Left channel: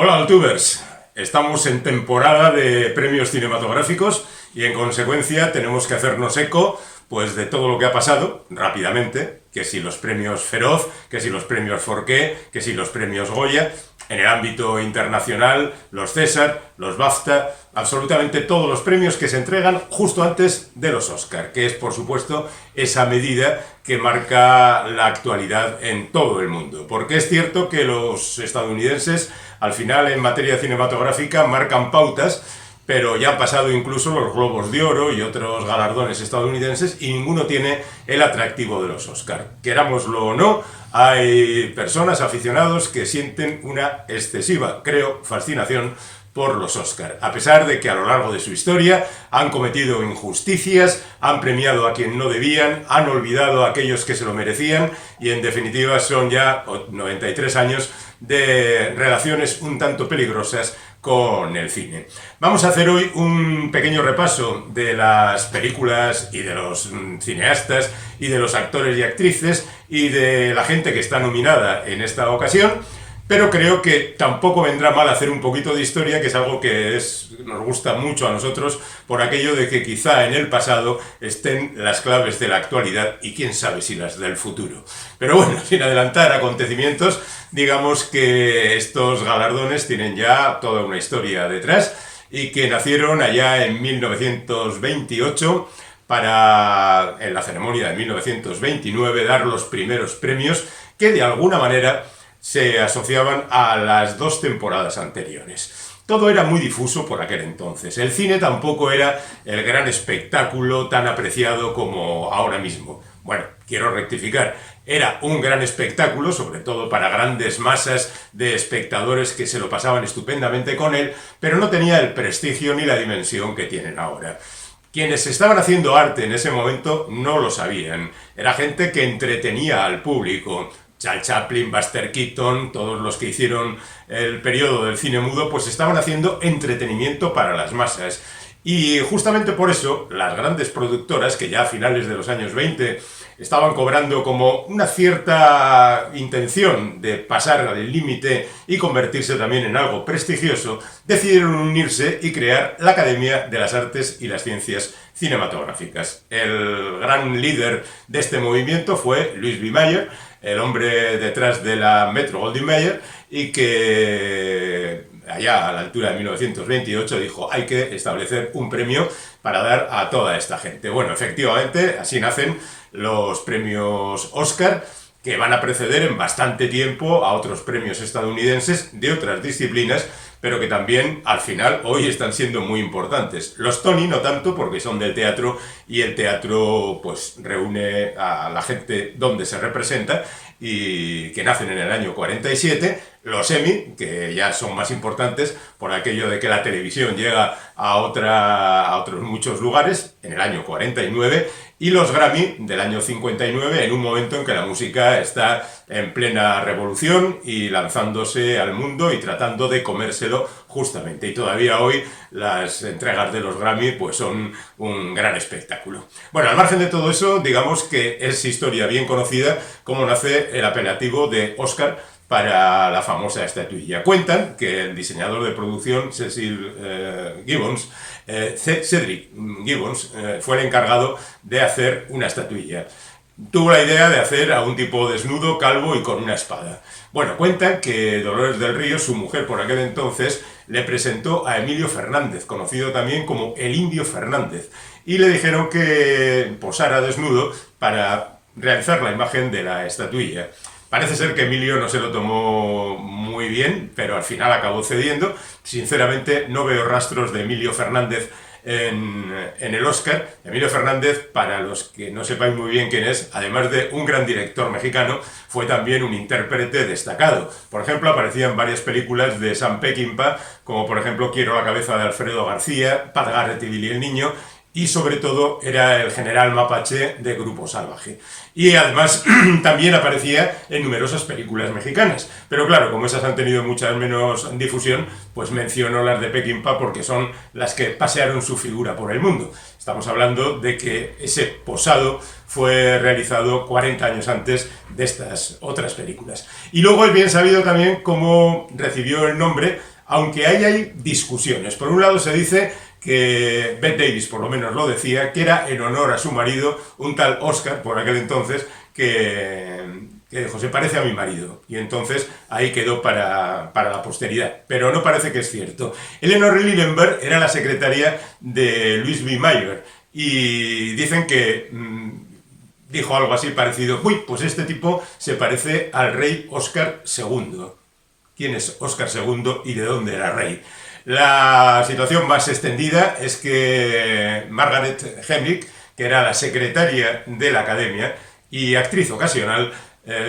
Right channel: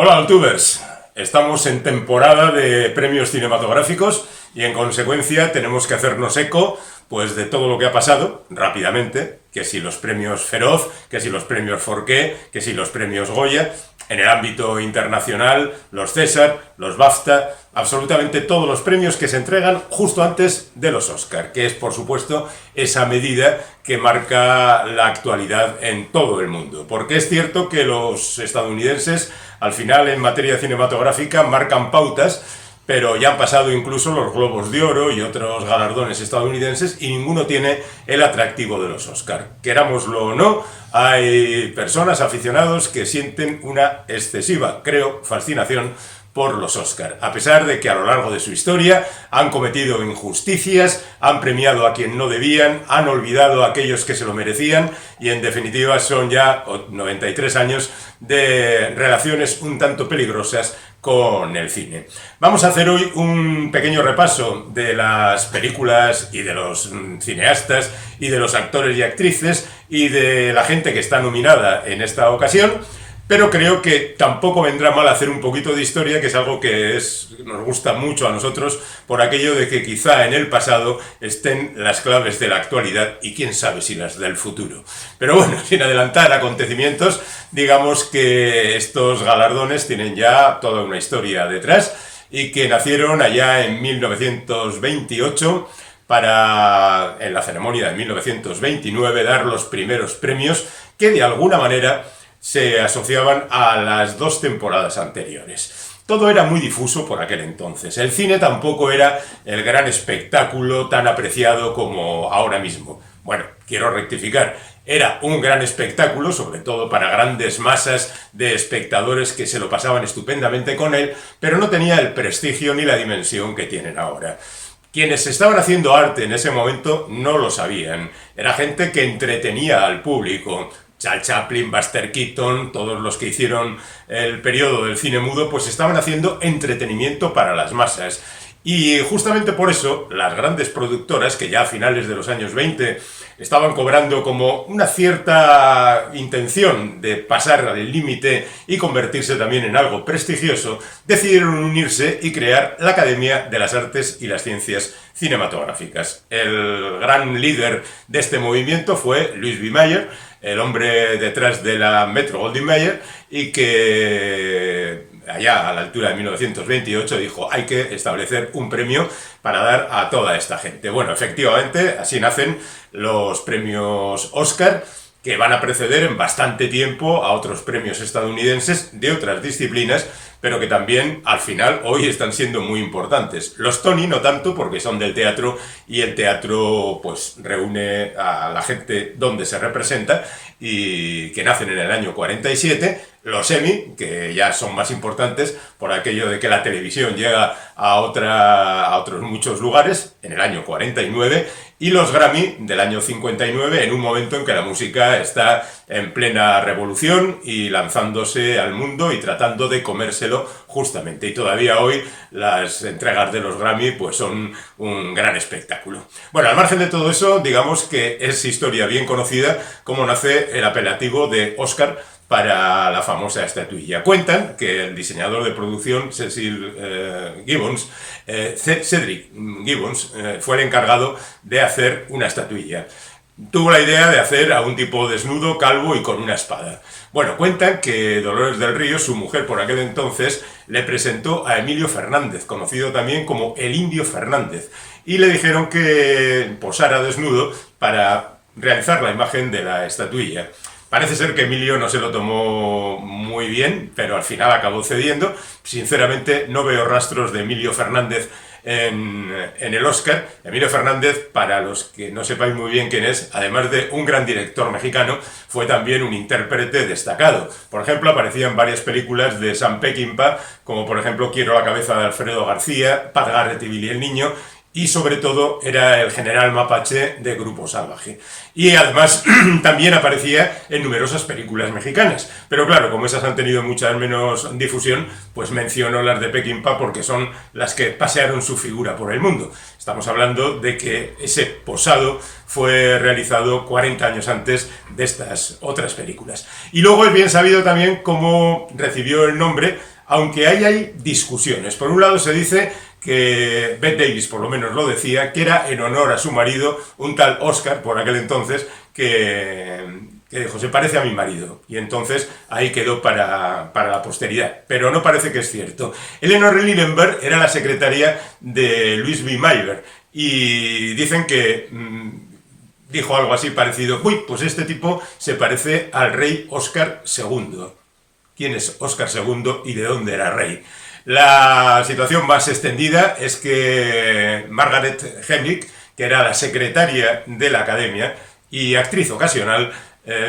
Hola, Altubers. Estamos en temporada de premios cinematográficos y en consecuencia tenemos que hacernos eco pues de todo lo que ha pasado rápidamente, que si los premios Feroz, que si los premios Forqué, que si los premios Goya, en el ámbito internacional, los César, los BAFTA, absolutamente todos los premios que se entregan justo antes de los Oscar, que es por supuesto esa medida que marca la actualidad en todo el mundo. Porque es cierto que los estadounidenses al final en materia cinematográfica marcan pautas, pero ya han pasado incluso los Globos de Oro y otros galardones estadounidenses y ninguno tiene el atractivo de los Oscar. Querámoslo o no, hay personas, aficionados, que sienten una excesiva, creo, fascinación por los Oscar, a pesar de que a lo largo de su historia han cometido injusticias, han premiado a quien no debían, han olvidado a aquellos que se lo merecían y en definitiva son ya 93 años de relaciones un tanto peligrosas con el cine. Vamos a hacer hoy un pequeño repaso de las películas y de los cineastas y de los actores y actrices y de la gente que está nominada en esta ocasión. Pero creo que tampoco vendrá mal hacer un poquito de historia, que es algo que nos gusta mucho a nosotros, por aquello de que quizá en el pasado estén las claves de la actualidad y quién sabe si las del futuro. Pero bueno, sin adelantar acontecimientos, digamos que estos galardones tienen ya toda una historia detrás y que nacieron allá en 1928 para, en la ceremonia de 1929, dar los primeros premios que de alguna manera se asociaban a las dos temporadas anteriores. Todo era muy difuso por aquel entonces. El cine tampoco era el gran espectáculo tan apreciado como ahora mismo. Bueno, quiero rectificar, era un gran espectáculo, sobre todo para grandes masas de espectadores que se lo pasaban estupendamente con él, pero no tenía el prestigio ni la dimensión que tienen ahora. Quienes estaban haciendo arte en ese momento no lo sabían. Era gente que entretenía al público. Charles Chaplin, Buster Keaton, todos los que hicieron el periodo del cine mudo, pues estaban haciendo entretenimiento para las masas. Y justamente por eso, las grandes productoras, que ya a finales de los años 20 estaban cobrando como una cierta intención de pasar al límite y convertirse también en algo prestigioso, decidieron unirse y crear la Academia de las Artes y las Ciencias Cinematográficas. El gran líder de este movimiento fue Louis B. Mayer, el hombre detrás de la Metro-Goldwyn-Mayer, y que allá a la altura de 1928 dijo: hay que establecer un premio para dar a toda esta gente. Bueno, efectivamente, así nacen los premios Oscar, que van a preceder en bastante tiempo a otros premios estadounidenses de otras disciplinas, pero que también al final hoy están siendo muy importantes. Los Tony no tanto, porque son del teatro y el teatro pues reúne a la gente donde se representa y que nacen en el año 47. Los Emmy, que ya son más importantes por aquello de que la televisión llega a otros muchos lugares, en el año 49, y los Grammy del año 59, en un momento en que la música está en plena revolución y lanzándose al mundo y tratando de comérselo justamente. Y todavía hoy las entregas de los Grammy pues son un gran espectáculo. Bueno, al margen de todo eso, digamos que es historia bien conocida cómo nace el apelativo de Oscar para la famosa estatuilla. Cuentan que el diseñador de producción, Cedric Gibbons, fue el encargado de hacer una estatuilla. Tuvo la idea de hacer a un tipo desnudo, calvo y con una espada. Bueno, cuentan que Dolores del Río, su mujer por aquel entonces, le presentó a Emilio Fernández, conocido también como el Indio Fernández, y le dijeron que posara desnudo para realizar la imagen de la estatuilla. Parece ser que Emilio no se lo tomó muy bien, pero al final acabó cediendo. Sinceramente, no veo rastros de Emilio Fernández en el Oscar. Emilio Fernández, para los que no sepáis muy bien quién es, además de un gran director mexicano, fue también un intérprete destacado. Por ejemplo, aparecía en varias películas de Sam Peckinpah, como por ejemplo Quiero la cabeza de Alfredo García, Pat Garrett y Billy el Niño, y sobre todo era el general mapache de Grupo Salvaje. Y además también aparecía en numerosas películas mexicanas. Pero claro, como esas han tenido mucha menos difusión, pues menciono las de Peckinpah porque son las que pasearon su figura por el mundo. Estamos hablando de que ese posado fue realizado 40 años antes de estas otras películas. Y luego es bien sabido también cómo recibió el nombre, aunque hay discusiones. Por un lado se dice que Bette Davis, por lo menos lo decía, que era en honor a su marido, un tal Oscar, por aquel entonces, que dijo, se parece a mi marido. Y entonces ahí quedó para la posteridad. Pero no parece que es cierto. Eleanor Lillenberg era la secretaria de Louis B. Mayer. Y dicen que dijo algo así parecido, uy, pues este tipo se parece al rey Oscar II. ¿Quién es Oscar II y de dónde era rey? La situación más extendida es que Margaret Hemlich, que era la secretaria de la Academia y actriz ocasional,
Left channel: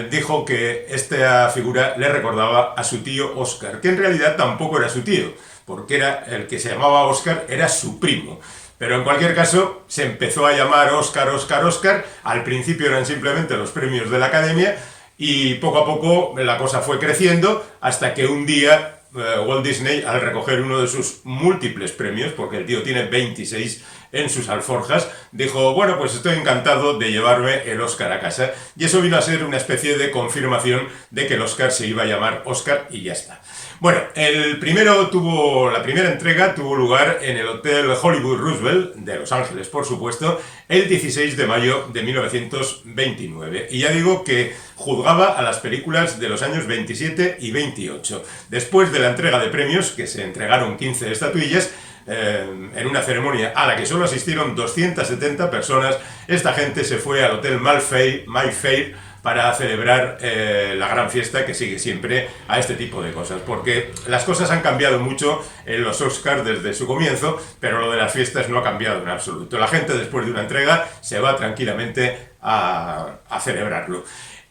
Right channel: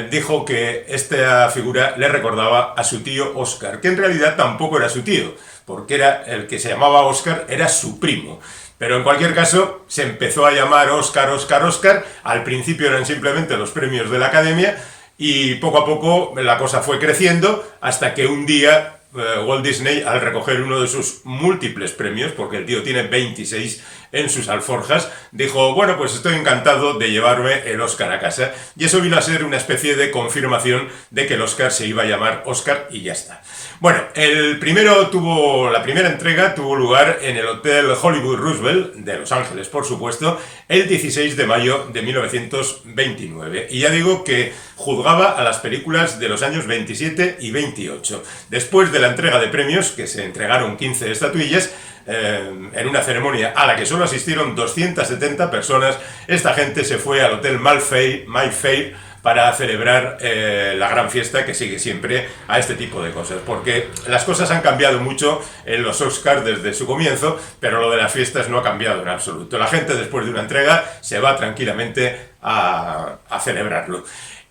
dijo que esta figura le recordaba a su tío Oscar, que en realidad tampoco era su tío, porque era el que se llamaba Oscar, era su primo. Pero en cualquier caso, se empezó a llamar Oscar, Oscar, Oscar. Al principio eran simplemente los premios de la Academia y poco a poco la cosa fue creciendo hasta que un día Walt Disney, al recoger uno de sus múltiples premios, porque el tío tiene 26 en sus alforjas, dijo, bueno, pues estoy encantado de llevarme el Oscar a casa. Y eso vino a ser una especie de confirmación de que el Oscar se iba a llamar Oscar y ya está. Bueno, la primera entrega tuvo lugar en el Hotel Hollywood Roosevelt de Los Ángeles, por supuesto, el 16 de mayo de 1929. Y ya digo que juzgaba a las películas de los años 27 y 28. Después de la entrega de premios, que se entregaron 15 estatuillas, en una ceremonia a la que solo asistieron 270 personas, esta gente se fue al Hotel Mayfair para celebrar la gran fiesta que sigue siempre a este tipo de cosas, porque las cosas han cambiado mucho en los Oscars desde su comienzo, pero lo de las fiestas no ha cambiado en absoluto. La gente después de una entrega se va tranquilamente a celebrarlo.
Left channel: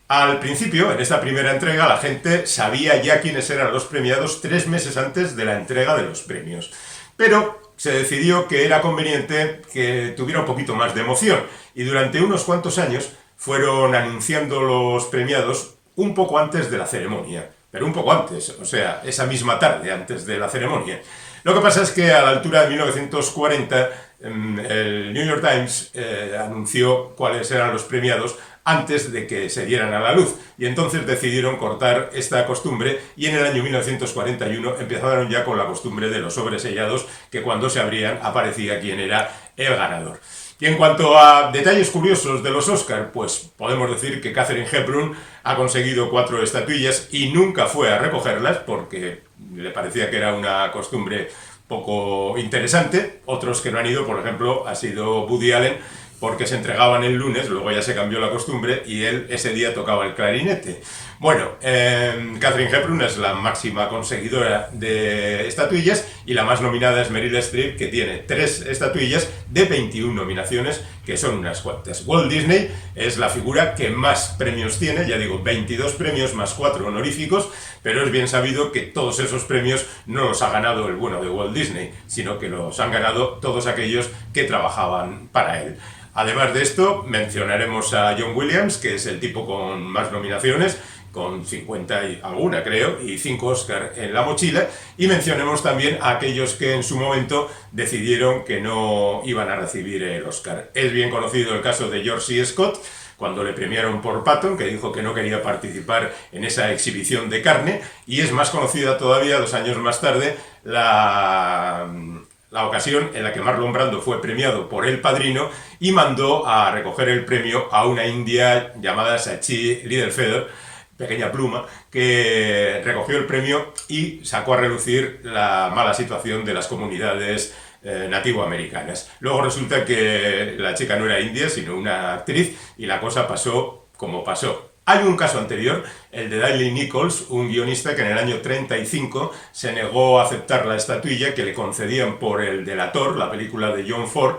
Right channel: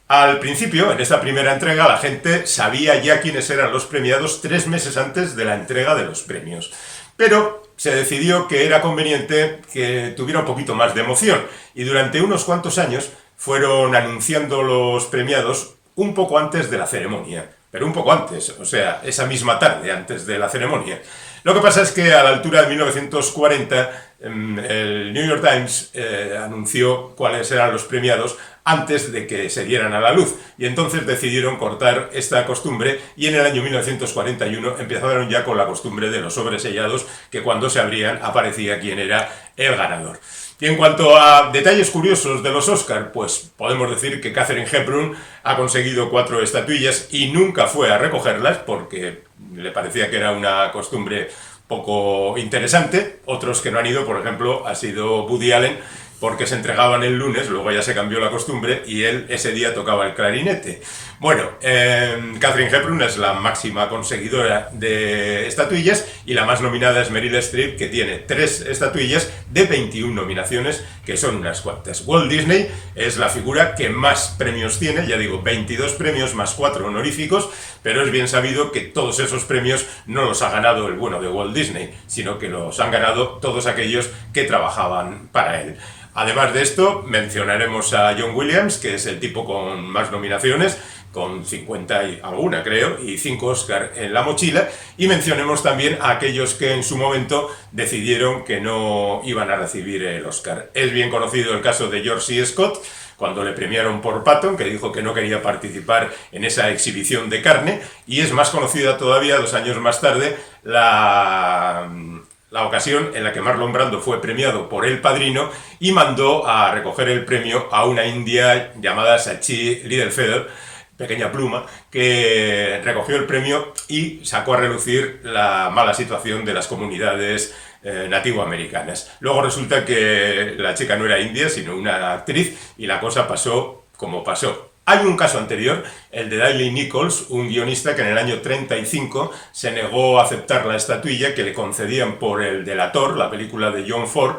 Al principio, en esta primera entrega, la gente sabía ya quiénes eran los premiados 3 meses antes de la entrega de los premios. Pero se decidió que era conveniente que tuviera un poquito más de emoción y durante unos cuantos años fueron anunciando los premiados un poco antes de la ceremonia, pero un poco antes, o sea, esa misma tarde antes de la ceremonia. Lo que pasa es que a la altura de 1940 el New York Times anunció cuáles eran los premiados antes de que se dieran a la luz, y entonces decidieron cortar esta costumbre y en el año 1941 empezaron ya con la costumbre de los sobres sellados, que cuando se abrían aparecía quién era el ganador. Y en cuanto a detalles curiosos de los Oscar, pues podemos decir que Katharine Hepburn ha conseguido 4 estatuillas y nunca fue a recogerlas porque le parecía que era una costumbre poco interesante. Otros que no han ido, por ejemplo, ha sido Woody Allen, porque se entregaban el lunes, luego ya se cambió la costumbre y él ese día tocaba el clarinete. Bueno, Katharine Hepburn es la máxima conseguidora de estatuillas y la más nominada es Meryl Streep, que tiene 3 estatuillas de 21 nominaciones, que son unas cuantas. Walt Disney es la figura que más premios tiene, ya digo, 22 premios más 4 honoríficos, pero es bien sabido que todos esos premios no los ha ganado el bueno de Walt Disney, sino que los han ganado todos aquellos que trabajaban para él. Además de esto, mencionaremos a John Williams, que es el tipo con más nominaciones, con 50 y alguna creo, y 5 Oscar en la mochila, y mencionemos también a aquellos que en su momento decidieron que no iban a recibir el Oscar. Es bien conocido el caso de George C. Scott, cuando le premiaron por Patton, que dijo que no quería participar en esa exhibición de carne, y es más conocida todavía, 2 años más tarde, la ocasión en la que Marlon Brando fue premiado por El Padrino y mandó a recoger el premio a una india llamada Sachi Littlefeather, pequeña pluma, que recogió el premio y sacó a relucir la mala situación de las comunidades nativoamericanas. Luego resulta que la chica no era india, sino una actriz, y la cosa pasó como pasó. Hay un caso anterior, el de Daley Nichols, un guionista que en el año 35 se negó a aceptar la estatuilla que le concedían por el Delator, la película de John Ford,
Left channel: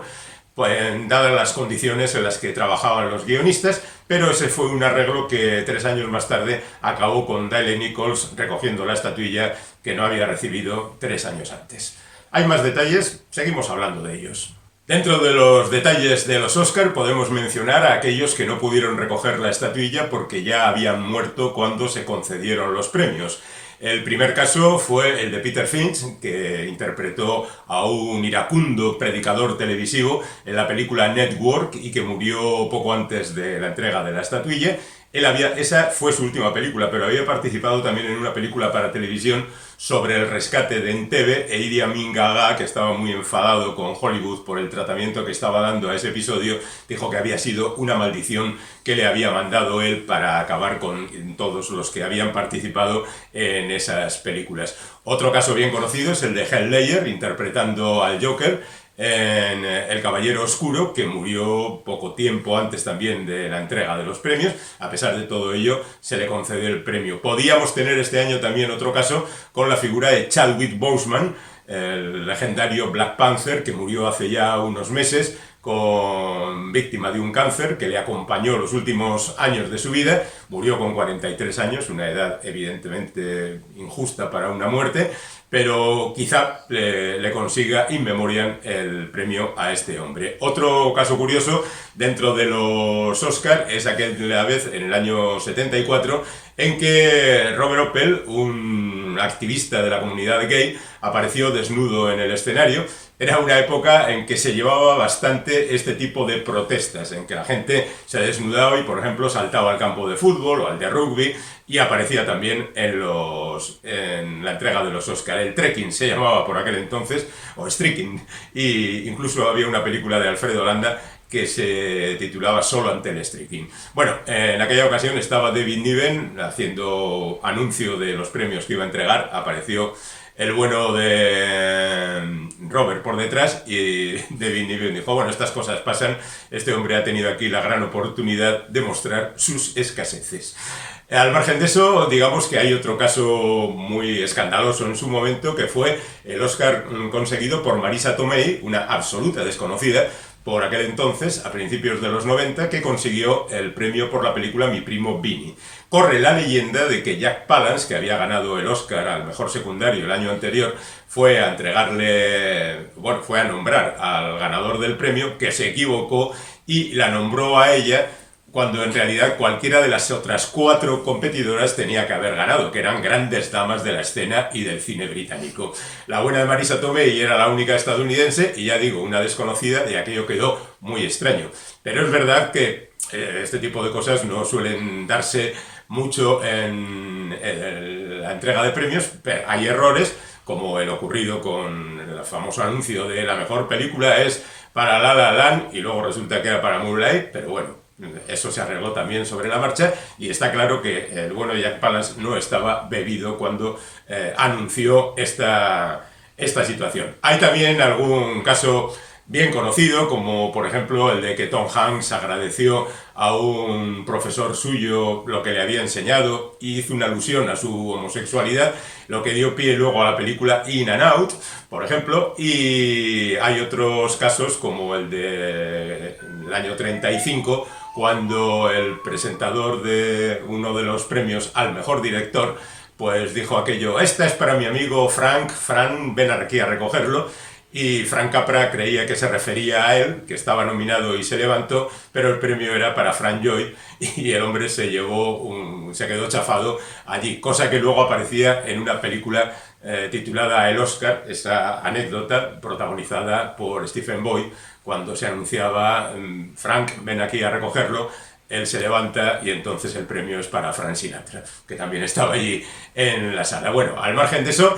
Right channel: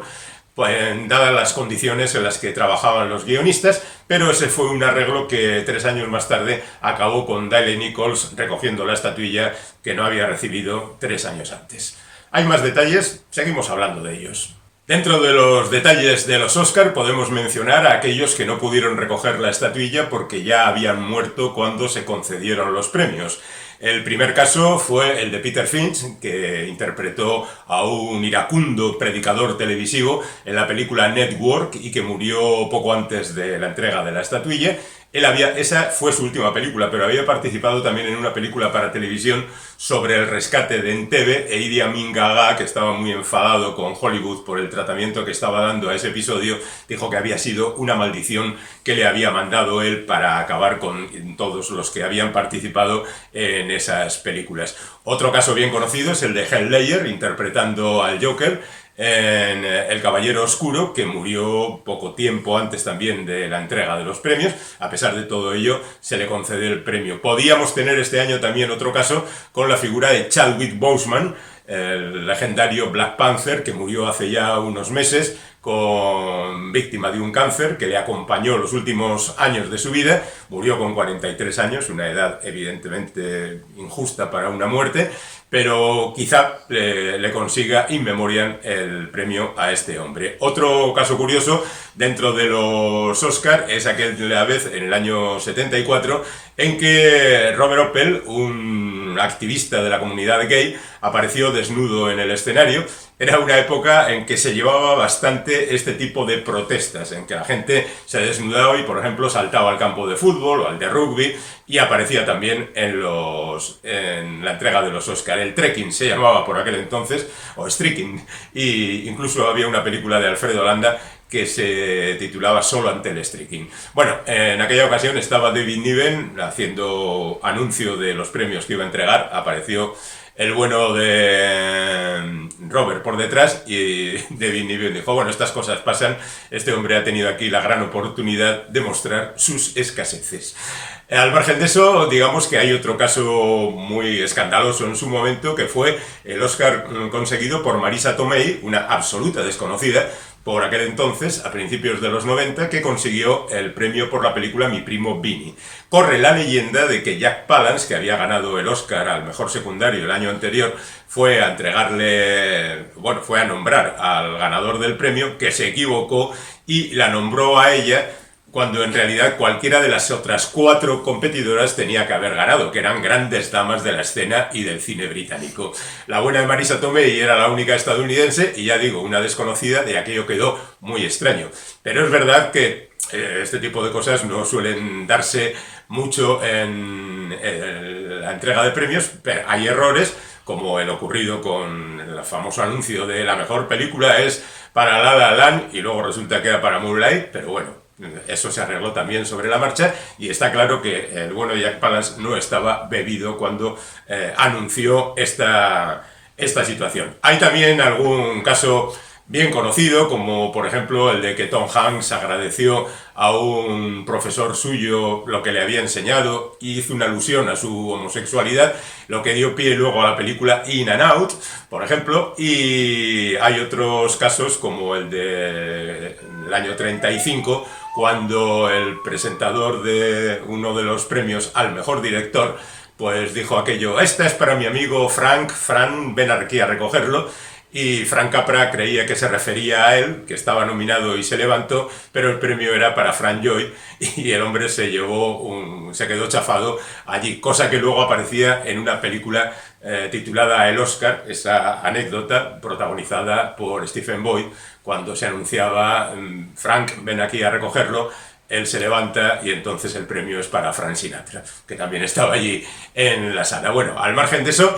pues, dadas las condiciones en las que trabajaban los guionistas, pero ese fue un arreglo que 3 años más tarde acabó con Daley Nichols recogiendo la estatuilla que no había recibido 3 años antes. Hay más detalles, seguimos hablando de ellos. Dentro de los detalles de los Oscar podemos mencionar a aquellos que no pudieron recoger la estatuilla porque ya habían muerto cuando se concedieron los premios. El primer caso fue el de Peter Finch, que interpretó a un iracundo predicador televisivo en la película Network y que murió poco antes de la entrega de la estatuilla. Esa fue su última película, pero había participado también en una película para televisión sobre el rescate de Entebbe, e Idi Amin Dada, que estaba muy enfadado con Hollywood por el tratamiento que estaba dando a ese episodio, dijo que había sido una maldición que le había mandado él para acabar con todos los que habían participado en esas películas. Otro caso bien conocido es el de Heath Ledger, interpretando al Joker en El Caballero Oscuro, que murió poco tiempo antes también de la entrega de los premios. A pesar de todo ello, se le concedió el premio. Podíamos tener este año también otro caso con la figura de Chadwick Boseman, el legendario Black Panther, que murió hace ya unos meses víctima de un cáncer que le acompañó los últimos años de su vida. Murió con 43 años, una edad evidentemente injusta para una muerte, pero quizá le consiga in memoriam el premio a este hombre. Otro caso curioso dentro de los Oscar es aquella vez en el año 74 en que Robert Oppel, un activista de la comunidad gay, apareció desnudo en el escenario. Era una época en que se llevaba bastante este tipo de protestas, en que la gente se desnudaba y, por ejemplo, saltaba al campo de fútbol o al de rugby, y aparecía también en la entrega de los Oscar. El trekking se llamaba por aquel entonces, o streaking, y incluso había una película de Alfredo Landa que se titulaba Solo ante el streaking. Bueno, en aquella ocasión estaba David Niven haciendo anuncio de los premios que iba a entregar. Apareció el bueno de Robert por detrás y David Niven dijo: bueno, estas cosas pasan, este hombre ha tenido aquí la gran oportunidad de mostrar sus escaseces. Al margen de eso, digamos que hay otro caso muy escandaloso en su momento, que fue el Oscar conseguido por Marisa Tomei, una absoluta desconocida por aquel entonces, a principios de los 90, que consiguió el premio por la película Mi primo Vinny. Corre la leyenda de que Jack Palance, que había ganado el Oscar al mejor secundario el año anterior, fue a nombrar al ganador del premio, que se equivocó y la nombró a ella, cuando en realidad cualquiera de las otras 4 competidoras tenía que haber ganado, que eran grandes damas de la escena y del cine británico. La buena de Marisa Tomei era la única estadounidense, y ya digo, una desconocida, y aquello quedó muy extraño. Pero es verdad que este tipo de cosas no suelen darse mucho en la entrega de premios, pero hay errores, como el ocurrido con el famoso anuncio de la mejor película es para La La Land, y luego resulta que era para Moonlight, pero bueno, eso se arregló también sobre la marcha, y está claro que el bueno Jack Palance no estaba bebido cuando anunció esta situación. Hay también algún caso bien conocido, como por ejemplo el de que Tom Hanks agradeció a un profesor suyo lo que le había enseñado y hizo una alusión a su homosexualidad, lo que dio pie luego a la película In and Out, por ejemplo. Y hay otros casos como el del año 35, cuando el presentador de uno de los premios al mejor director pues dijo aquello: esta es para mi amigo Frank, ven aquí a recogerlo. Y Frank Capra creía que se refería a él, que estaba nominado, y se levantó, pero el premio era para Frank Lloyd, y el hombre se quedó chafado allí, cosa que luego aparecía en una película titulada El Oscar, esa anécdota protagonizada por Stephen Boyd, cuando se anunciaba Frank, ven aquí a recogerlo. Él se levanta y entonces el premio es para Frank Sinatra, que también estaba allí en la sala. Bueno, al margen de eso,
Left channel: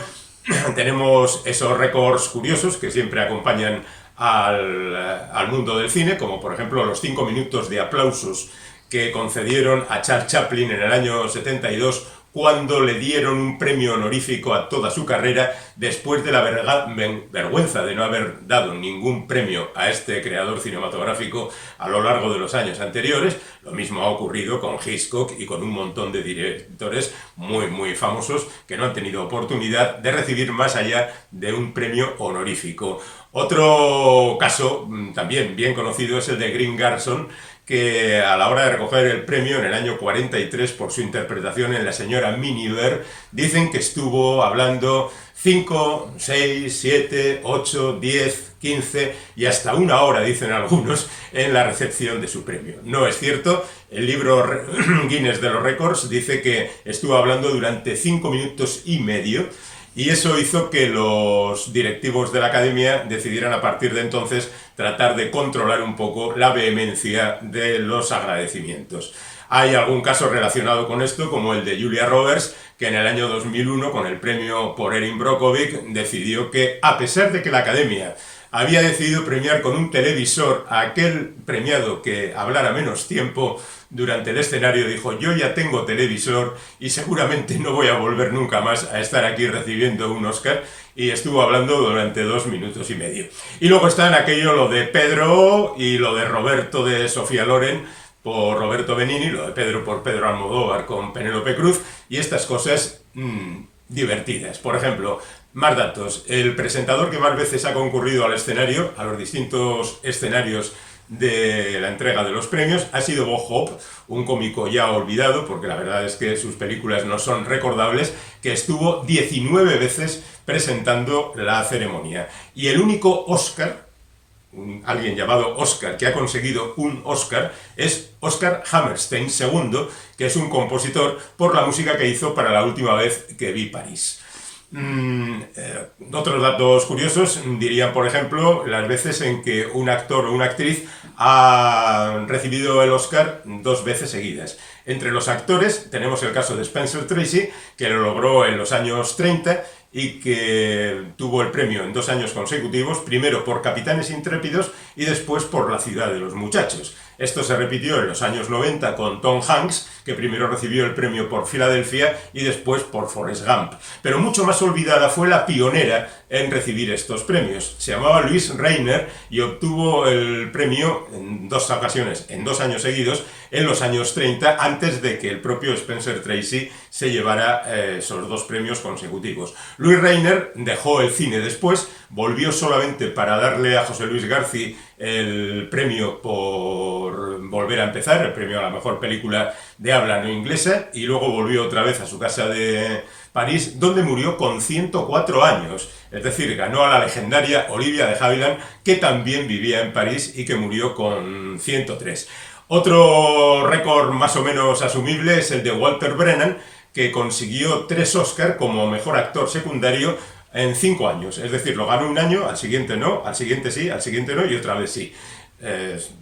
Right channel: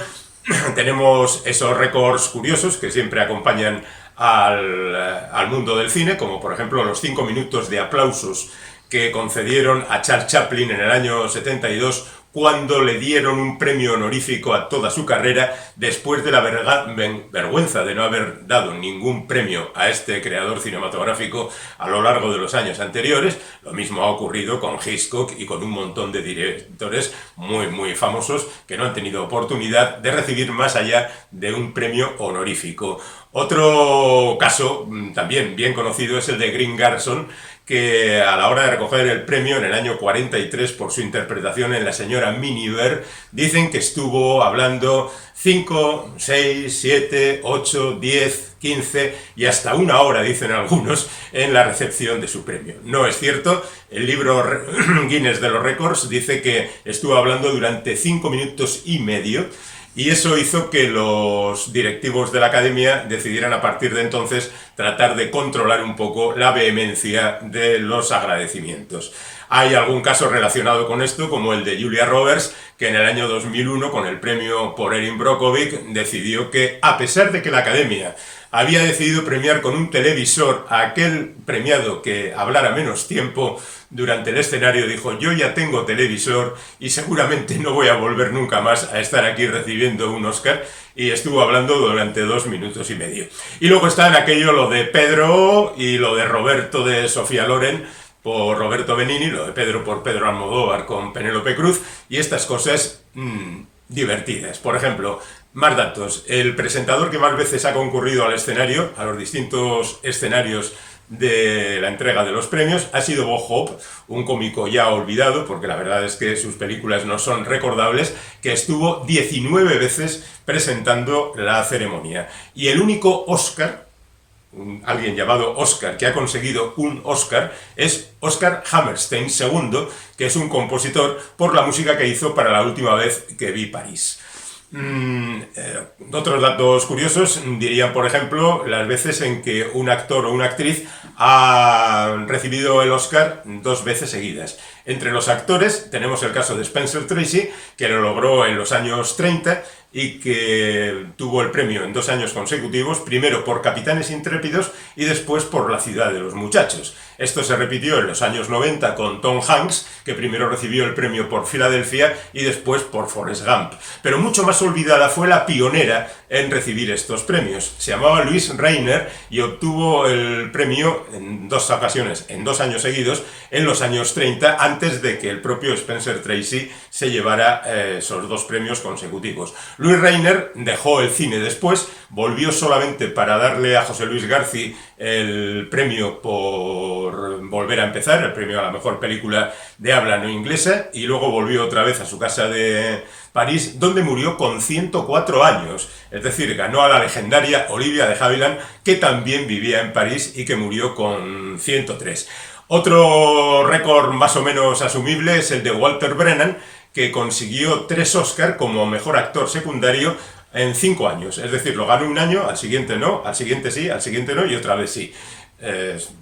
tenemos esos récords curiosos que siempre acompañan al mundo del cine, como por ejemplo los 5 minutos de aplausos que concedieron a Charles Chaplin en el año 72, cuando le dieron un premio honorífico a toda su carrera, después de la vergüenza de no haber dado ningún premio a este creador cinematográfico a lo largo de los años anteriores. Lo mismo ha ocurrido con Hitchcock y con un montón de directores muy, muy famosos que no han tenido oportunidad de recibir más allá de un premio honorífico. Otro caso también bien conocido es el de Green Garrison, que a la hora de recoger el premio en el año 43 por su interpretación en La señora Miniver, dicen que estuvo hablando 5, 6, 7, 8, 10, 15 y hasta una hora, dicen algunos, en la recepción de su premio. No es cierto, el libro Guinness de los Récords dice que estuvo hablando durante 5 minutos y medio, y eso hizo que los directivos de la academia decidieran a partir de entonces tratar de controlar un poco la vehemencia de los agradecimientos. Hay algún caso relacionado con esto, como el de Julia Roberts, que en el año 2001, con el premio por Erin Brockovich, decidió que, a pesar de que la academia había decidido premiar con un televisor a aquel premiado que hablara menos tiempo durante el escenario, dijo: yo ya tengo televisor y seguramente no voy a volver nunca más a estar aquí recibiendo un Oscar, y estuvo hablando durante 2 minutos y medio. Y luego está en aquello lo de Pedro y lo de Roberto de Sofía Loren por Roberto Benigni, lo de Pedro por Pedro Almodóvar con Penélope Cruz, y estas cosas divertidas. Por ejemplo, más datos. El presentador que más veces ha concurrido al escenario, a los distintos escenarios de la entrega de los premios, ha sido Bob Hope, un cómico ya olvidado, porque la verdad es que sus películas no son recordables, que estuvo 19 veces presentando la ceremonia. Y el único Oscar, alguien llamado Oscar, que ha conseguido un Oscar, es Oscar Hammerstein II, que es un compositor por la música que hizo para La última vez que vi París. Otros datos curiosos dirían, por ejemplo, las veces en que un actor o una actriz ha recibido el Oscar 2 veces seguidas. Entre los actores tenemos el caso de Spencer Tracy, que lo logró en los años 30 y que tuvo el premio en 2 años consecutivos, primero por Capitanes Intrépidos y después por La ciudad de los muchachos. Esto se repitió en los años 90 con Tom Hanks, que primero recibió el premio por Filadelfia y después por Forrest Gump. Pero mucho más olvidada fue la pionera en recibir estos premios. Se llamaba Louise Rainer y obtuvo el premio en 2 ocasiones, en 2 años seguidos, en los años 30, antes de que el propio Spencer Tracy se llevara esos 2 premios consecutivos. Louise Rainer dejó el cine después, volvió solamente para darle a José Luis García el premio por Volver a empezar, el premio a la mejor película de habla no inglesa, y luego volvió otra vez a su casa de París, donde murió con 104 años. Es decir, ganó a la legendaria Olivia de Havilland, que también vivía en París y que murió con 103. Otro récord más o menos asumible es el de Walter Brennan, que consiguió 3 Oscar como mejor actor secundario en 5 años. Es decir, lo ganó un año, al siguiente no, al siguiente sí, al siguiente no y otra vez sí.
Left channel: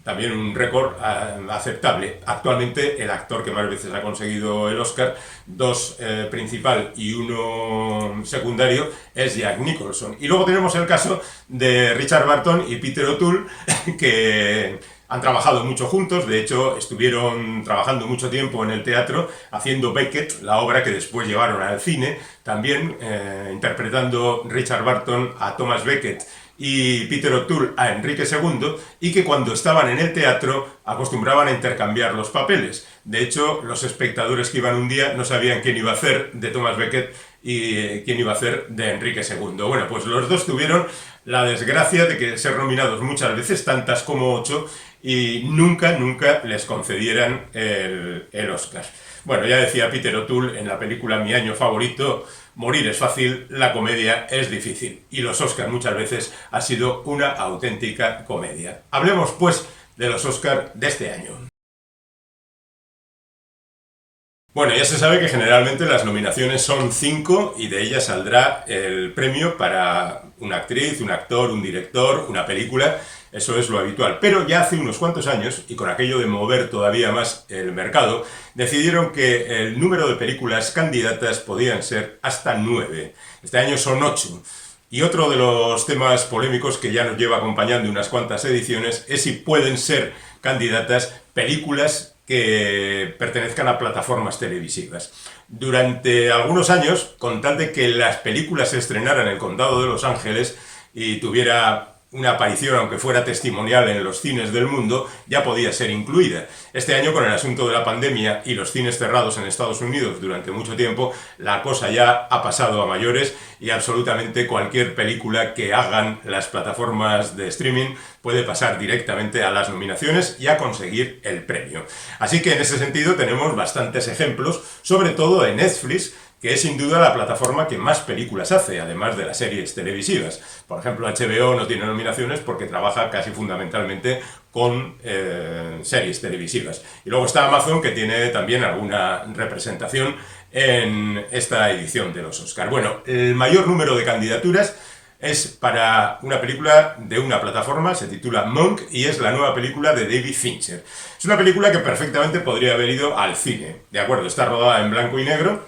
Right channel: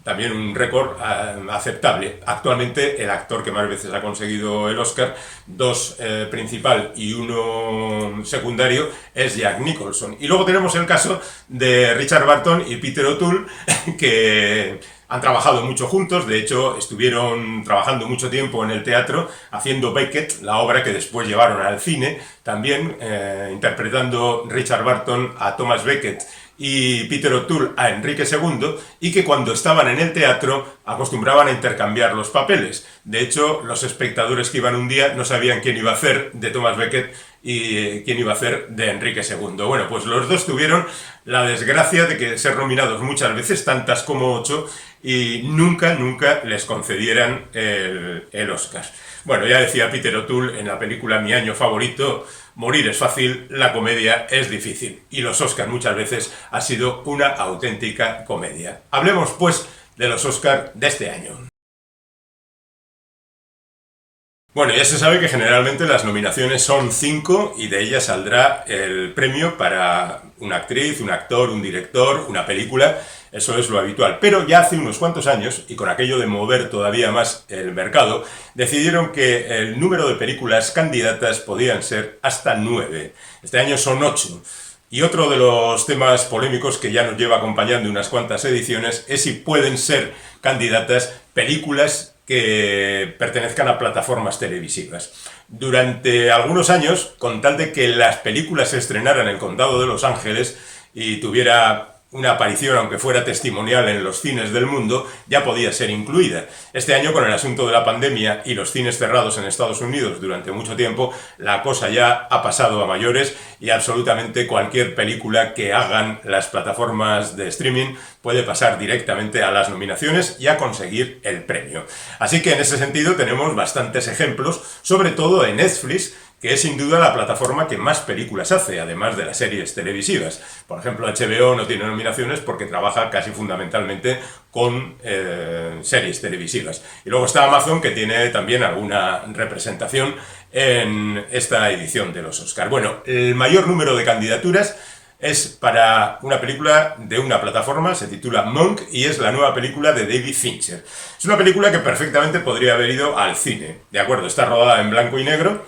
También un récord aceptable. Actualmente el actor que más veces ha conseguido el Oscar, 2 principal y 1 secundario, es Jack Nicholson. Y luego tenemos el caso de Richard Burton y Peter O'Toole, que han trabajado mucho juntos. De hecho, estuvieron trabajando mucho tiempo en el teatro haciendo Beckett, la obra que después llevaron al cine, también interpretando Richard Burton a Thomas Becket y Peter O'Toole a Enrique II, y que cuando estaban en el teatro acostumbraban a intercambiar los papeles. De hecho, los espectadores que iban un día no sabían quién iba a hacer de Thomas Becket y quién iba a hacer de Enrique II. Bueno, pues los dos tuvieron la desgracia de ser nominados muchas veces, tantas como 8, y nunca les concedieran el Oscar. Bueno, ya decía Peter O'Toole en la película Mi año favorito: morir es fácil, la comedia es difícil. Y los Oscars muchas veces ha sido una auténtica comedia. Hablemos pues de los Oscars de este año. Bueno, ya se sabe que generalmente las nominaciones son 5 y de ellas saldrá el premio para una actriz, un actor, un director, una película. Eso es lo habitual. Pero ya hace unos cuantos años, y con aquello de mover todavía más el mercado, decidieron que el número de películas candidatas podían ser hasta 9. Este año son 8. Y otro de los temas polémicos que ya nos lleva acompañando unas cuantas ediciones es si pueden ser candidatas películas que pertenezcan a plataformas televisivas. Durante algunos años, con tal de que las películas se estrenaran en el condado de Los Ángeles y tuviera una aparición, aunque fuera testimonial, en los cines del mundo, ya podía ser incluida. Este año, con el asunto de la pandemia y los cines cerrados en Estados Unidos durante mucho tiempo, la cosa ya ha pasado a mayores y absolutamente cualquier película que hagan las plataformas de streaming puede pasar directamente a las nominaciones y a conseguir el premio. Así que en ese sentido tenemos bastantes ejemplos, sobre todo en Netflix, que es sin duda la plataforma que más películas hace, además de las series televisivas. Por ejemplo, HBO no tiene nominaciones porque trabaja casi fundamentalmente con series televisivas. Y luego está Amazon, que tiene también alguna representación en esta edición de los Oscar. Bueno, el mayor número de candidaturas es para una película de una plataforma, se titula Monk, y es la nueva película de David Fincher. Es una película que perfectamente podría haber ido al cine. De acuerdo, está rodada en blanco y negro,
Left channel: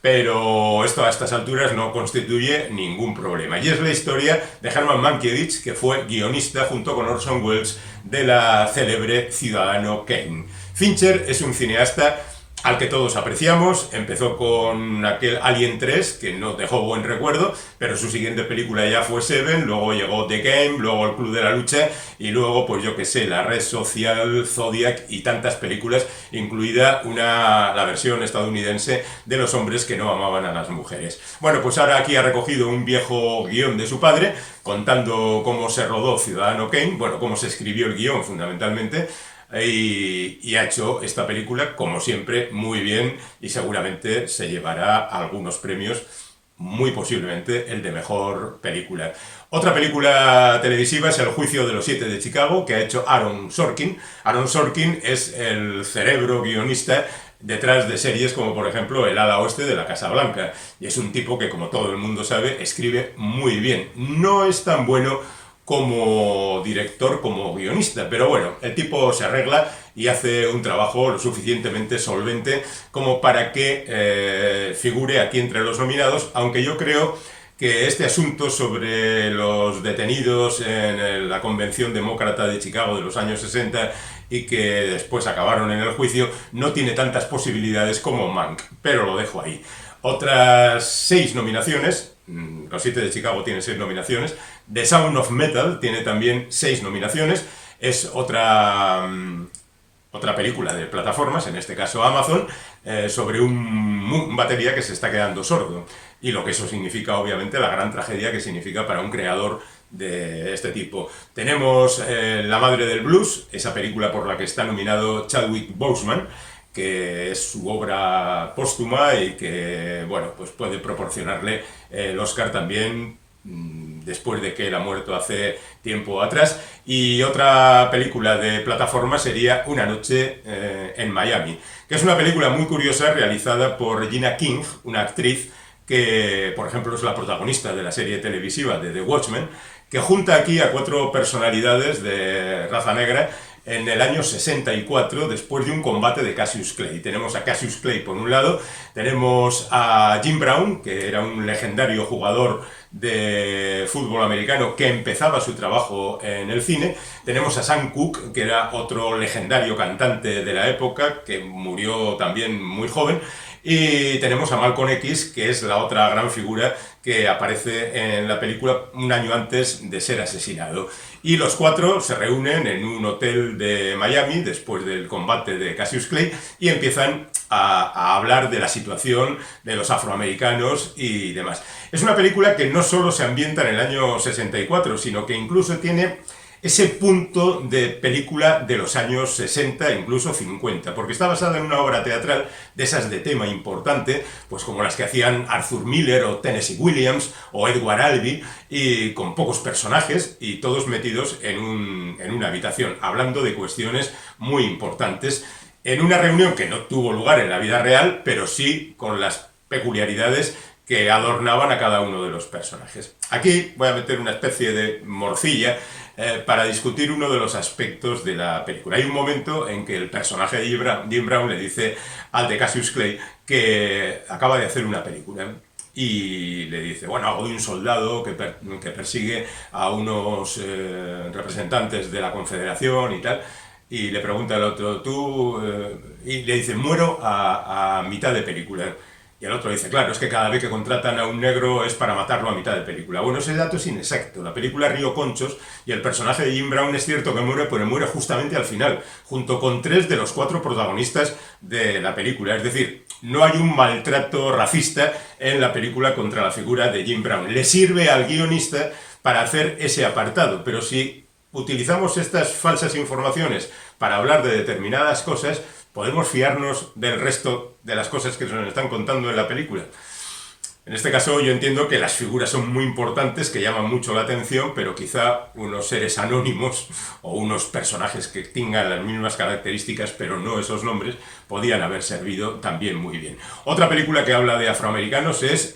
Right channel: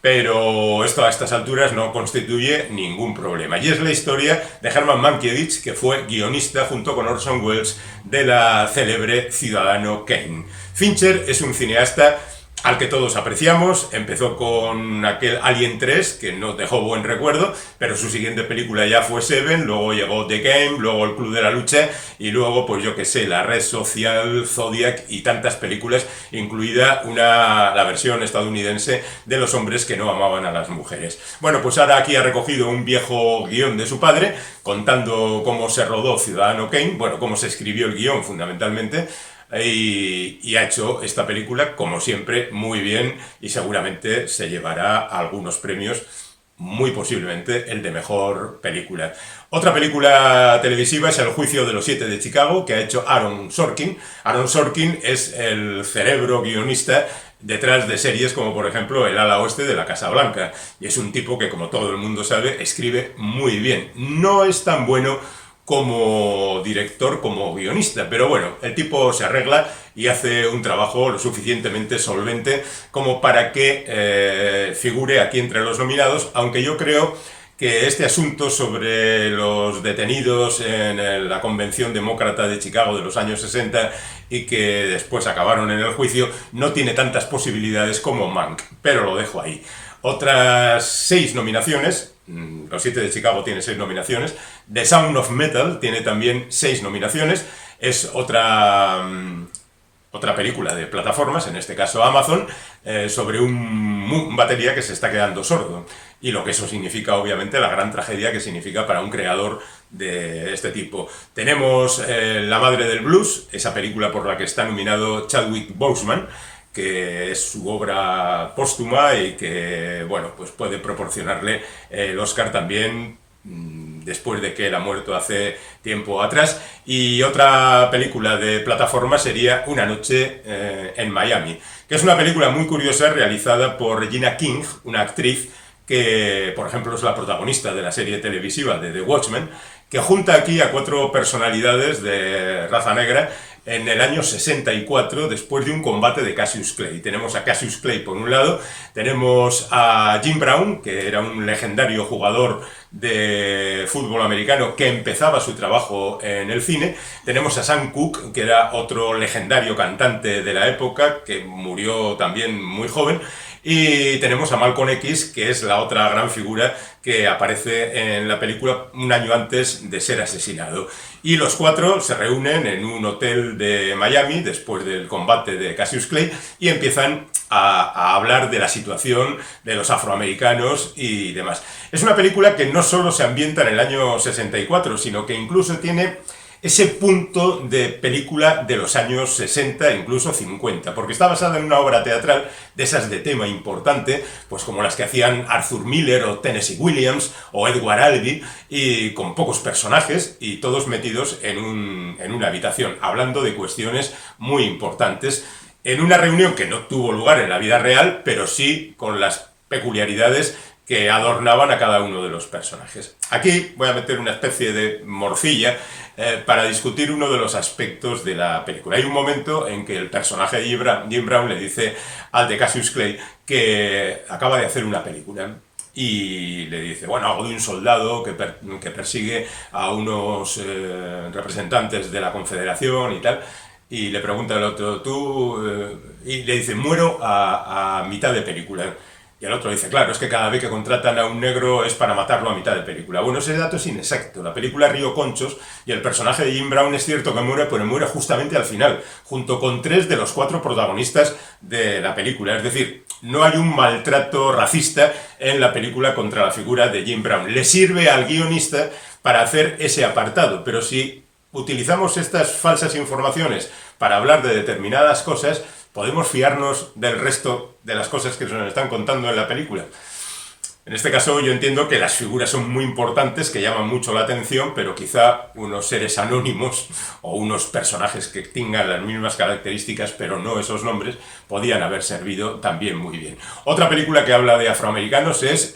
pero esto a estas alturas no constituye ningún problema. Y es la historia de Herman Mankiewicz, que fue guionista junto con Orson Welles de la célebre Ciudadano Kane. Fincher es un cineasta al que todos apreciamos. Empezó con aquel Alien 3, que nos dejó buen recuerdo, pero su siguiente película ya fue Seven, luego llegó The Game, luego El Club de la Lucha, y luego, pues yo que sé, La Red Social, Zodiac y tantas películas, incluida la versión estadounidense de Los hombres que no amaban a las mujeres. Bueno, pues ahora aquí ha recogido un viejo guión de su padre, contando cómo se rodó Ciudadano Kane, bueno, cómo se escribió el guión fundamentalmente, y ha hecho esta película, como siempre, muy bien, y seguramente se llevará algunos premios, muy posiblemente el de mejor película. Otra película televisiva es El juicio de los 7 de Chicago, que ha hecho Aaron Sorkin. Aaron Sorkin es el cerebro guionista detrás de series como, por ejemplo, El ala oeste de la Casa Blanca, y es un tipo que, como todo el mundo sabe, escribe muy bien. No es tan bueno como director, como guionista, pero bueno, el tipo se arregla y hace un trabajo lo suficientemente solvente como para que figure aquí entre los nominados, aunque yo creo que este asunto sobre los detenidos en la Convención Demócrata de Chicago de los años 60 y que después acabaron en el juicio no tiene tantas posibilidades como Mank, pero lo dejo ahí. Otras 6 nominaciones. Los 7 de Chicago tiene 6 nominaciones. The Sound of Metal tiene también 6 nominaciones. Es otra película de plataformas, en este caso Amazon, sobre un batería que se está quedando sordo. Y lo que eso significa, obviamente, la gran tragedia que significa para un creador de este tipo. Tenemos La madre del blues, esa película por la que está nominado Chadwick Boseman, que es su obra póstuma y que, bueno, pues puede proporcionarle el Oscar también después de que él ha muerto hace tiempo atrás. Y otra película de plataforma sería Una noche en Miami, que es una película muy curiosa realizada por Regina King, una actriz que, por ejemplo, es la protagonista de la serie televisiva de The Watchmen, que junta aquí a 4 personalidades de raza negra en el año 64, después de un combate de Cassius Clay. Tenemos a Cassius Clay por un lado, tenemos a Jim Brown, que era un legendario jugador de fútbol americano que empezaba su trabajo en el cine, tenemos a Sam Cooke, que era otro legendario cantante de la época, que murió también muy joven, y tenemos a Malcolm X, que es la otra gran figura que aparece en la película un año antes de ser asesinado. Y los 4 se reúnen en un hotel de Miami después del combate de Cassius Clay y empiezan a hablar de la situación de los afroamericanos y demás. Es una película que no solo se ambienta en el año 64, sino que incluso tiene ese punto de película de los años 60 e incluso 50, porque está basada en una obra teatral de esas de tema importante, pues como las que hacían Arthur Miller o Tennessee Williams o Edward Albee, y con pocos personajes y todos metidos en una habitación, hablando de cuestiones muy importantes, en una reunión que no tuvo lugar en la vida real, pero sí con las peculiaridades que adornaban a cada uno de los personajes. Aquí voy a meter una especie de morcilla para discutir uno de los aspectos de la película. Hay un momento en que el personaje de Jim Brown le dice al de Cassius Clay que acaba de hacer una película y le dice, bueno, algo de un soldado que persigue a unos representantes de la Confederación y tal. Y le pregunta al otro, y le dice, muero a mitad de película. Y el otro dice, claro, es que cada vez que contratan a un negro es para matarlo a mitad de película. Bueno, ese dato es inexacto. La película Río Conchos y el personaje de Jim Brown es cierto que muere, pero muere justamente al final, junto con 3 de los 4 protagonistas de la película. Es decir, no hay un maltrato racista en la película contra la figura de Jim Brown. Le sirve al guionista para hacer ese apartado, pero si utilizamos estas falsas informaciones para hablar de determinadas cosas, ¿podemos fiarnos del resto de las cosas que se nos están contando en la película? En este caso yo entiendo que las figuras son muy importantes, que llaman mucho la atención, pero quizá unos seres anónimos o unos personajes que tengan las mismas características, pero no esos nombres, podían haber servido también muy bien. Otra película que habla de afroamericanos es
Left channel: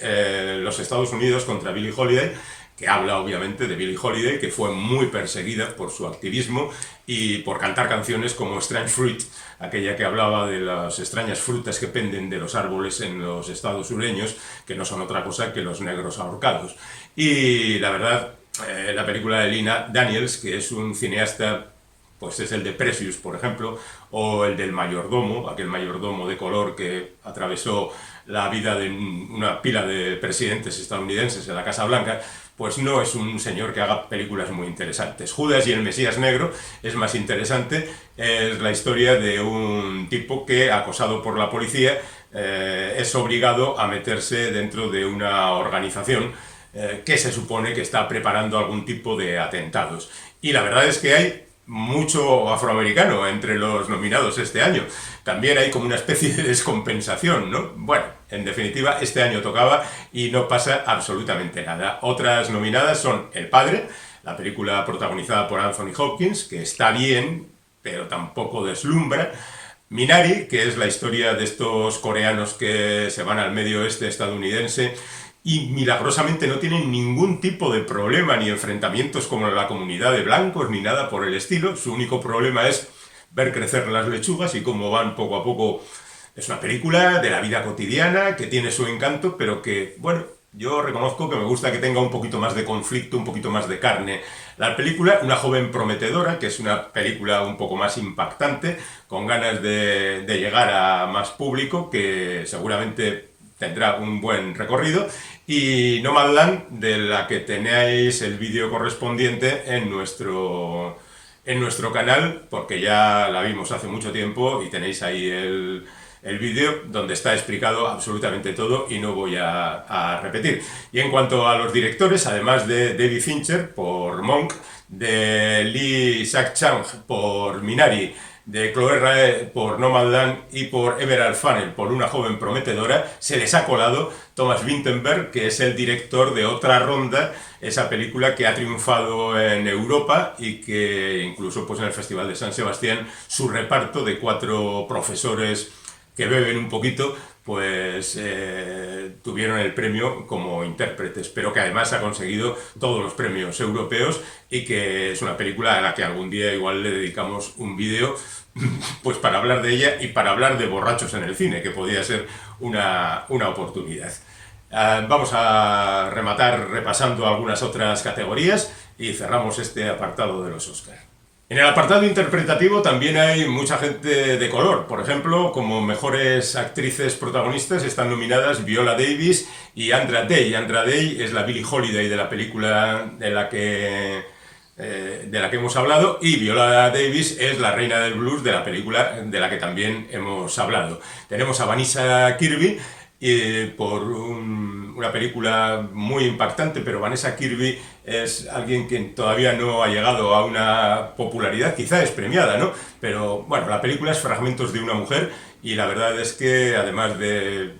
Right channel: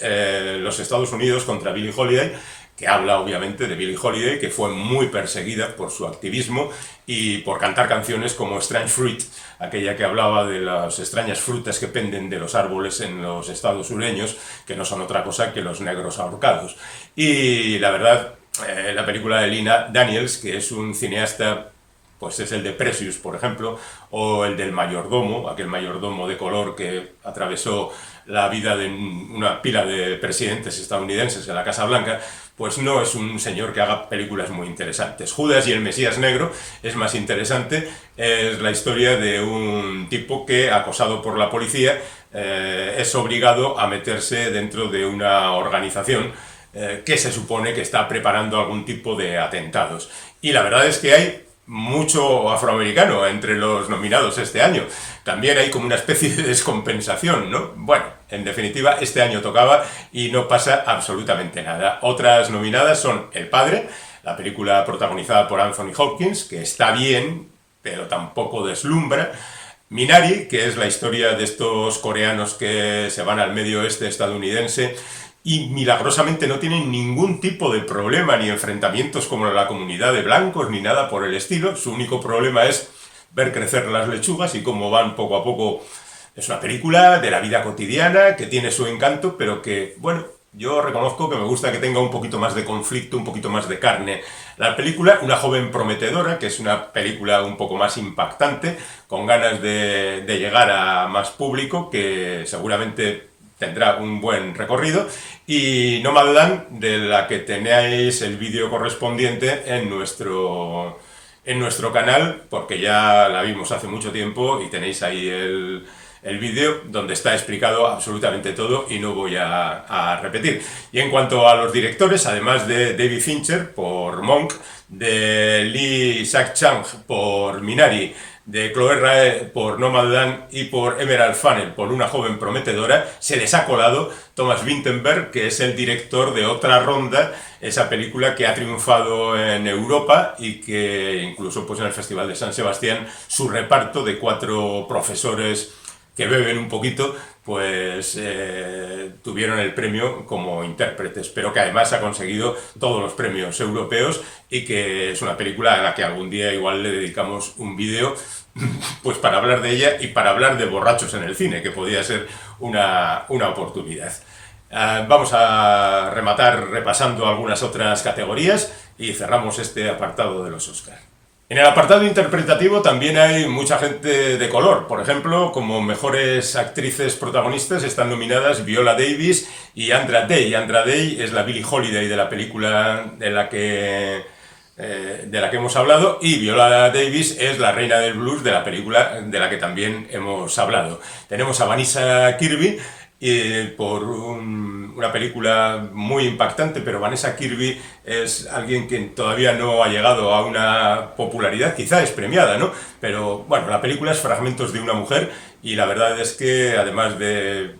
Los Estados Unidos contra Billie Holiday, que habla obviamente de Billie Holiday, que fue muy perseguida por su activismo y por cantar canciones como Strange Fruit, aquella que hablaba de las extrañas frutas que penden de los árboles en los estados sureños, que no son otra cosa que los negros ahorcados. Y la verdad, la película de Lina Daniels, que es un cineasta, pues es el de Precious, por ejemplo, o el del mayordomo, aquel mayordomo de color que atravesó la vida de una pila de presidentes estadounidenses en la Casa Blanca, pues no es un señor que haga películas muy interesantes. Judas y el Mesías Negro es más interesante, es la historia de un tipo que, acosado por la policía, es obligado a meterse dentro de una organización que se supone que está preparando algún tipo de atentados. Y la verdad es que hay mucho afroamericano entre los nominados este año. También hay como una especie de descompensación, ¿no? Bueno, en definitiva, este año tocaba y no pasa absolutamente nada. Otras nominadas son El Padre, la película protagonizada por Anthony Hopkins, que está bien, pero tampoco deslumbra. Minari, que es la historia de estos coreanos que se van al medio oeste estadounidense y milagrosamente no tienen ningún tipo de problema ni enfrentamientos como la comunidad de blancos ni nada por el estilo. Su único problema es ver crecer las lechugas y cómo van poco a poco. Es una película de la vida cotidiana que tiene su encanto, pero que, bueno, yo reconozco que me gusta que tenga un poquito más de conflicto, un poquito más de carne. La película, Una joven prometedora, que es una película un poco más impactante, con ganas de llegar a más público, que seguramente tendrá un buen recorrido, y Nomadland, de la que tenéis el vídeo correspondiente en nuestro canal, porque ya la vimos hace mucho tiempo y tenéis ahí el vídeo donde está explicado absolutamente todo y no voy a repetir. Y en cuanto a los directores, además de David Fincher por Monk, de Lee Isaac-Chung por Minari, de Chloé Rae por Nomadland y por Emerald Fennell por Una joven prometedora, se les ha colado Thomas Vinterberg, que es el director de Otra ronda, esa película que ha triunfado en Europa y que incluso pues en el Festival de San Sebastián su reparto de 4 profesores que beben un poquito, pues tuvieron el premio como intérpretes, pero que además ha conseguido todos los premios europeos y que es una película a la que algún día igual le dedicamos un vídeo pues para hablar de ella y para hablar de borrachos en el cine, que podría ser una oportunidad. Vamos a rematar repasando algunas otras categorías y cerramos este apartado de los Oscar. En el apartado interpretativo también hay mucha gente de color. Por ejemplo, como mejores actrices protagonistas están nominadas Viola Davis y Andra Day. Andra Day es la Billie Holiday de la película de la que hemos hablado, y Viola Davis es la reina del blues de la película de la que también hemos hablado. Tenemos a Vanessa Kirby por una película muy impactante, pero Vanessa Kirby es alguien que todavía no ha llegado a una popularidad, quizá es premiada, ¿no? Pero bueno, la película es Fragmentos de una mujer y la verdad es que además de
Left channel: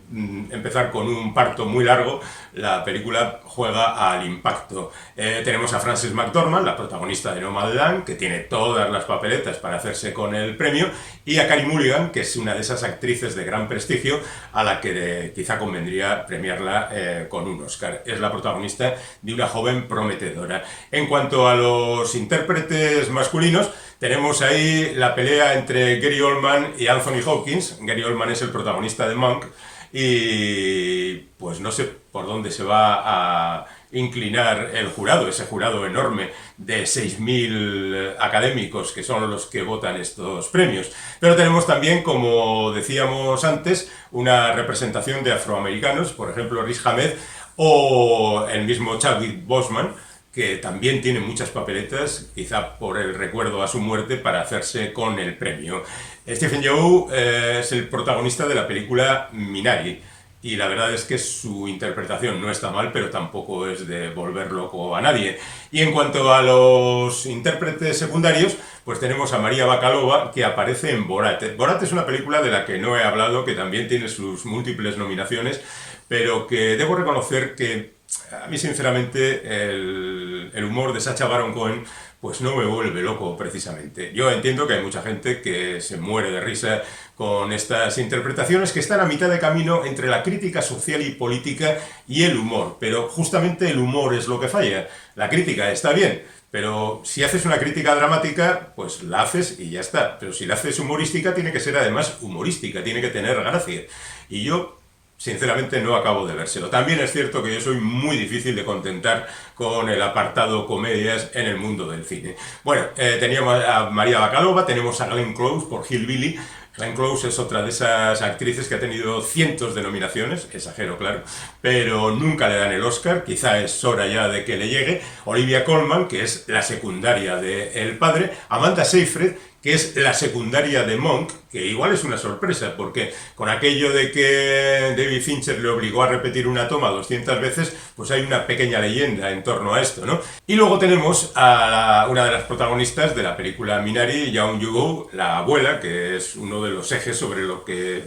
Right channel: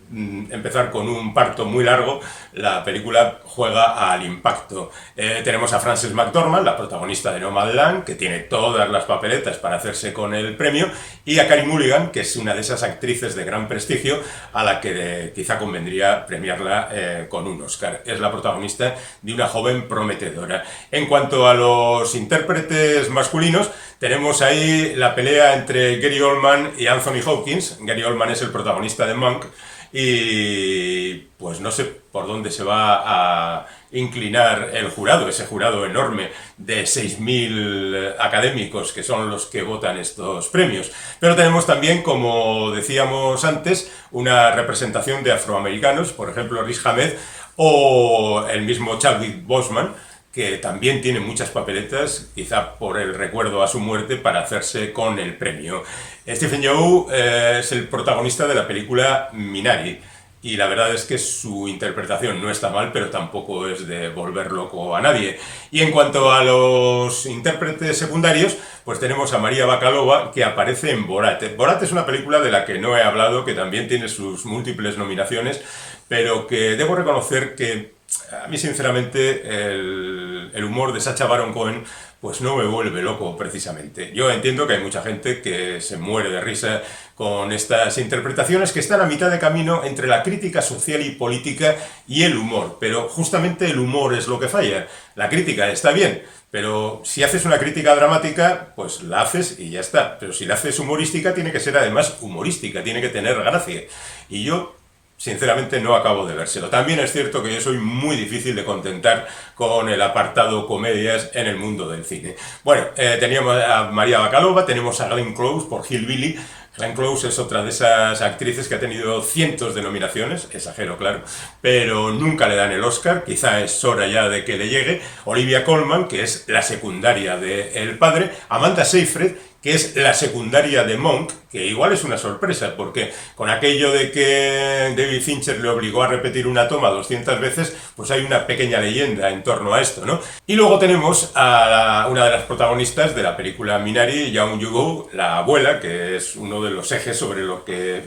empezar con un parto muy largo, la película juega al impacto. Tenemos a Frances McDormand, la protagonista de Nomadland, que tiene todas las papeletas para hacerse con el premio, y a Carey Mulligan, que es una de esas actrices de gran prestigio a la que quizá convendría premiarla con un Oscar. Es la protagonista de Una joven prometedora. En cuanto a los intérpretes masculinos, tenemos ahí la pelea entre Gary Oldman y Anthony Hopkins. Gary Oldman es el protagonista de Monk y pues no sé por dónde se va a inclinar el jurado, ese jurado enorme de 6.000 académicos que son los que votan estos premios. Pero tenemos también, como decíamos antes, una representación de afroamericanos, por ejemplo Riz Ahmed o el mismo Chadwick Boseman, que también tiene muchas papeletas, quizá por el recuerdo a su muerte, para hacerse con el premio. Stephen Yeun es el protagonista de la película Minari, y la verdad es que su interpretación no está mal, pero tampoco es de volver loco a nadie. Y en cuanto a los intérpretes secundarios, pues tenemos a Maria Bakalova, que aparece en Borat. Borat es una película de la que no he hablado, que también tiene sus múltiples nominaciones, pero que debo reconocer que a mí, sinceramente, el humor de Sacha Baron Cohen pues no me vuelve loco, precisamente. Yo entiendo que hay mucha gente que se muere de risa con estas interpretaciones que están a mitad de camino entre la crítica social y política y el humor, pero justamente el humor es lo que falla. La crítica está bien, pero si haces una crítica dramática, pues la haces y ya está. Pero si la haces humorística, tiene que ser además humorística, tiene que tener gracia. Y yo, sinceramente, no acabo de vérselo. También es cierto que yo soy muy difícil de contentar con el apartado comedias en el mundo del cine. Bueno, teníamos a Maria Bakalova, tenemos a Glenn Close por Hillbilly. Glenn Close es otra de esas actrices que ha tenido cientos de nominaciones, exagero, claro, pero nunca le dan el Oscar, quizá es hora ya de que le llegue. Olivia Colman, que es la secundaria de El Padre. Amanda Seyfried, que es la secundaria de Monk, que igual es una sorpresa, porque con aquello de que David Fincher le obligó a repetir una toma 200 veces, pues hay una pequeña leyenda en torno a esto, ¿no? Y luego tenemos a una de las protagonistas de la película Minari, Young Yugo, la abuela, que es uno de los ejes sobre lo que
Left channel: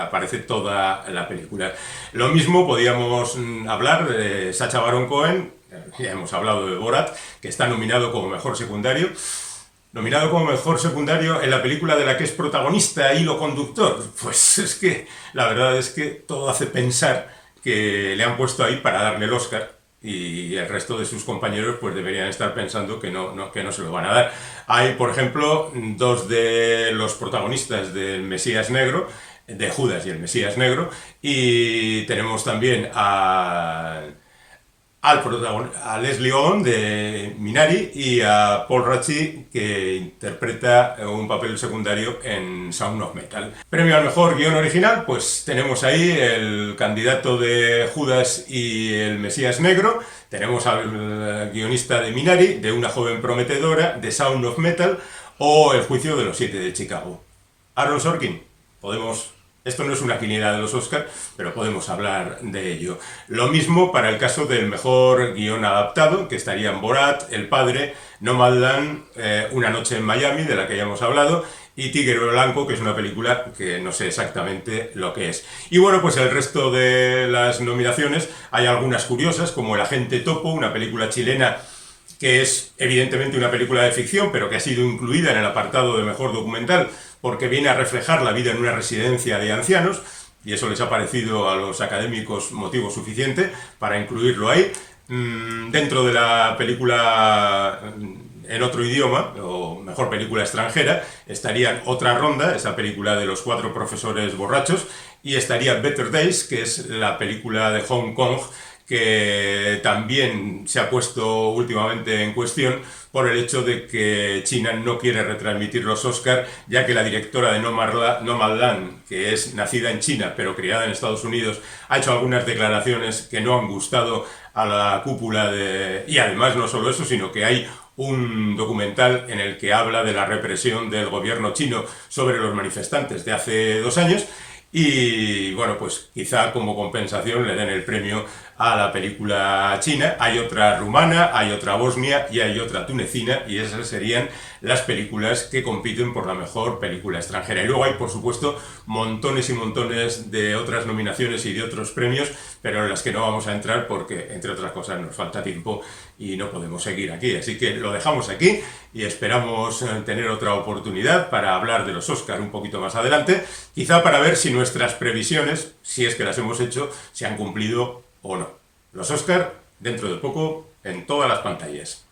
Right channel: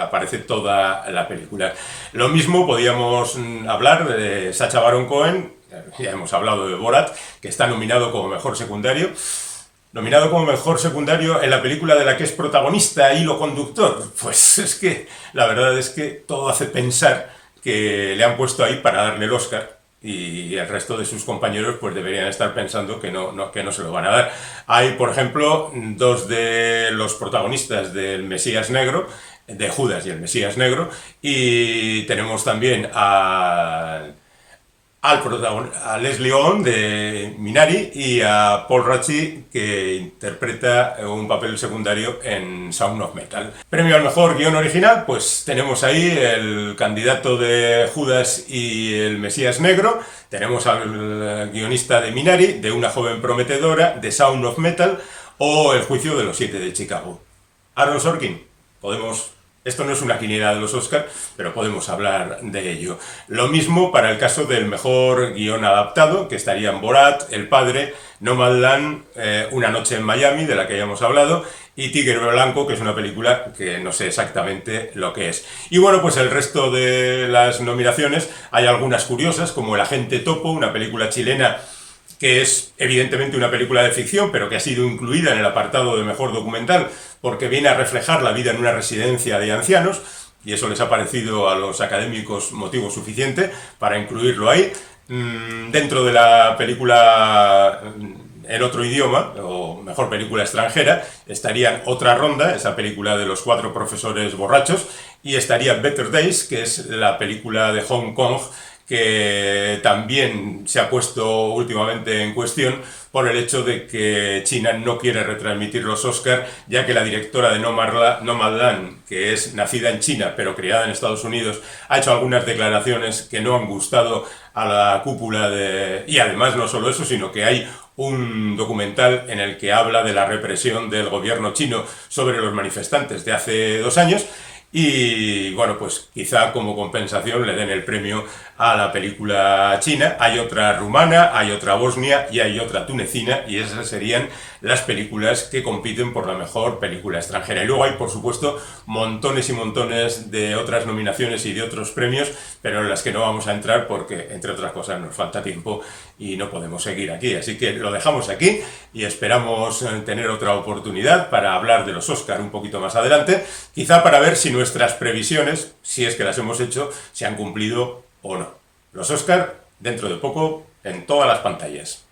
aparece toda la película. Lo mismo podíamos hablar de Sacha Baron Cohen, ya hemos hablado de Borat, que está nominado como mejor secundario. Nominado como mejor secundario en la película de la que es protagonista, hilo conductor. Pues es que la verdad es que todo hace pensar que le han puesto ahí para darle el Oscar, y el resto de sus compañeros pues deberían estar pensando que no se lo van a dar. Hay, por ejemplo, dos de los protagonistas del Mesías Negro, de Judas y el Mesías Negro, y tenemos también a Leslie Odom de Minari y a Paul Raci, que interpreta un papel secundario en Sound of Metal. Premio al mejor guión original, pues tenemos ahí el candidato de Judas y el Mesías Negro, tenemos al guionista de Minari, de Una joven prometedora, de Sound of Metal o El juicio de los 7 de Chicago. Aaron Sorkin, podemos... Esto no es una quiniela de los Oscars, pero podemos hablar de ello. Lo mismo para el caso del mejor guión adaptado, que estarían Borat, El Padre, Nomadland, Una noche en Miami, de la que ya hemos hablado, y Tigre Blanco, que es una película que no sé exactamente lo que es. Y bueno, pues el resto de las nominaciones, hay algunas curiosas, como El agente Topo, una película chilena que es evidentemente una película de ficción, pero que ha sido incluida en el apartado de mejor documental, porque viene a reflejar la vida en una residencia de ancianos, y eso les ha parecido a los académicos motivo suficiente para incluirlo ahí. Dentro de la película en otro idioma, o mejor película extranjera, estarían Otra ronda, esa película de los 4 profesores borrachos, y estaría Better Days, que es la película de Hong Kong, que también se ha puesto últimamente en cuestión por el hecho de que China no quiere retransmitir los Oscars, ya que la directora de Nomadland, que es nacida en China pero criada en Estados Unidos, ha hecho algunas declaraciones que no han gustado a la cúpula de... Y además no solo eso, sino que hay un documental en el que habla de la represión del gobierno chino sobre los manifestantes de hace 2 años. Y bueno, pues quizá como compensación le den el premio a la película china. Hay otra rumana, hay otra bosnia y hay otra tunecina, y esas serían las películas que compiten por la mejor película extranjera. Y luego hay, por supuesto, montones y montones de otras nominaciones y de otros premios, pero en las que no vamos a entrar porque, entre otras cosas, nos falta tiempo y no podemos seguir aquí. Así que lo dejamos aquí y esperamos tener otra oportunidad para hablar de los Oscar un poquito más adelante, quizá para ver si nuestras previsiones, si es que las hemos hecho, se han cumplido o no. Los Oscar, dentro de poco, en todas las pantallas.